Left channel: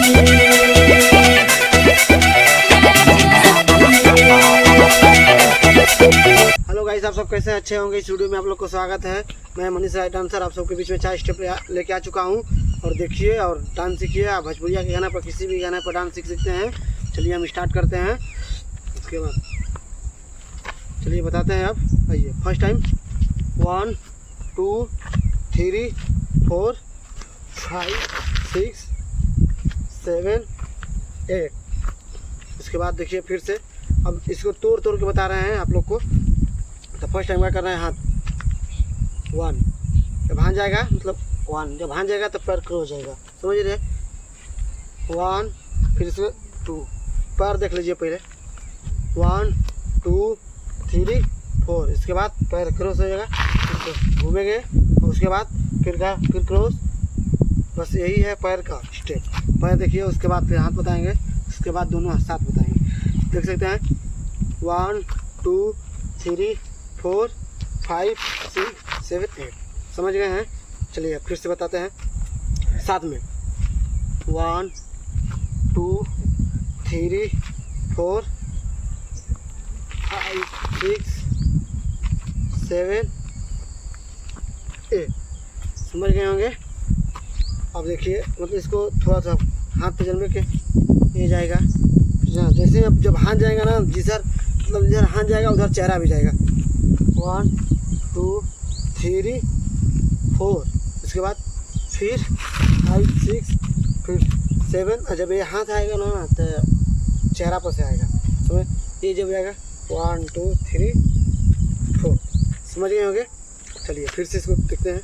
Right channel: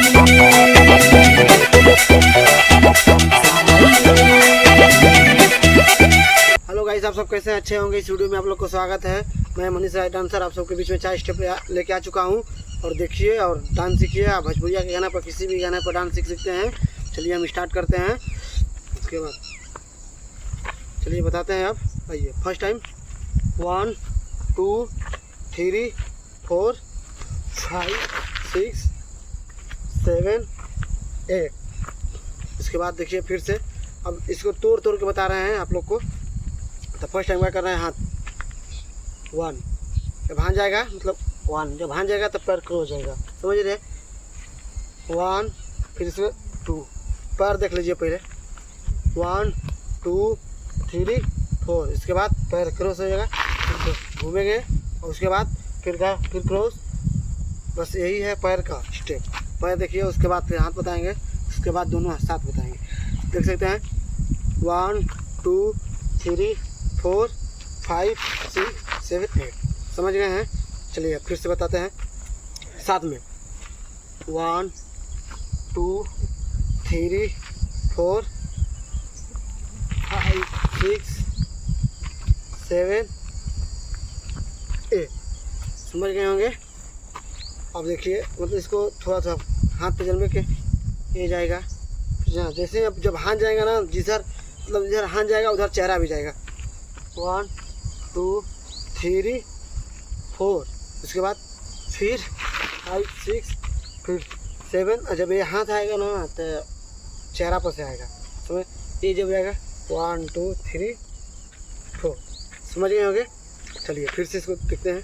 Hello guys, आप सब कैसे अच्छे होंगे। इस वीडियो में आप लोग को स्वागत है। मैं मनीष राय डांसर आप सबके बीच में 4 स्टेप लेके आ चुका हूँ और देखिए और डांस सीखिए। आप भोजपुरिया के गाना पर किसी भी गाने पर डांस सीख सकते हैं। चलिए हम स्टार्ट करते हैं। उसके बाद चलिए बताते हैं। आप आइए। First time 1 2 3 4 5 6 7 8। उसके बाद देखिए फिर से अब इसको तोड़ तोड़ के बता रहे हैं आप लोग को। तो फर्स्ट टाइम क्या कर रहे हैं, हाथ 1 जब भान जाएगा, मतलब 1 जब भान जाएगा तब पैर क्रॉस हो जाएगा, समझ रहे। 1 फिर इसमें 2 पैर देख लीजिए पहले। 1 2 3 4। इसके बाद पैर क्रॉस हो जाएगा, फिर घूमेंगे और उसके बाद फिर क्रॉस। बस यही है पैर का स्टेप। पैर देखिए, उसके बाद फिर हाथ बताएंगे, उसके बाद दोनों साथ बताएंगे। देख सकते हैं 1 2 3 4 5 6 7 8। समझ गए हैं। चलिए फिर से बताते हैं साथ में। 1 2 3 4 5 6 7 8। समझ गए होंगे। अब देखिए, मतलब इसको थोड़ा सा हाथ पे जन्मे के ये जाएगा। जैसे अब जब हाथ जाएगा ना, जिधर मतलब जिधर हाथ जाएगा उधर चेहरा भी जाएगा। 1 2 3 4। उसके बाद फिर 5 6 फिर 7। और जब ये हाथ आएगा ना तो चेहरा पर से आएगा। समझ, ये जब आएगा 1 2 3 4। समझ गए होंगे। चलिए फिर से इसको देखते हैं।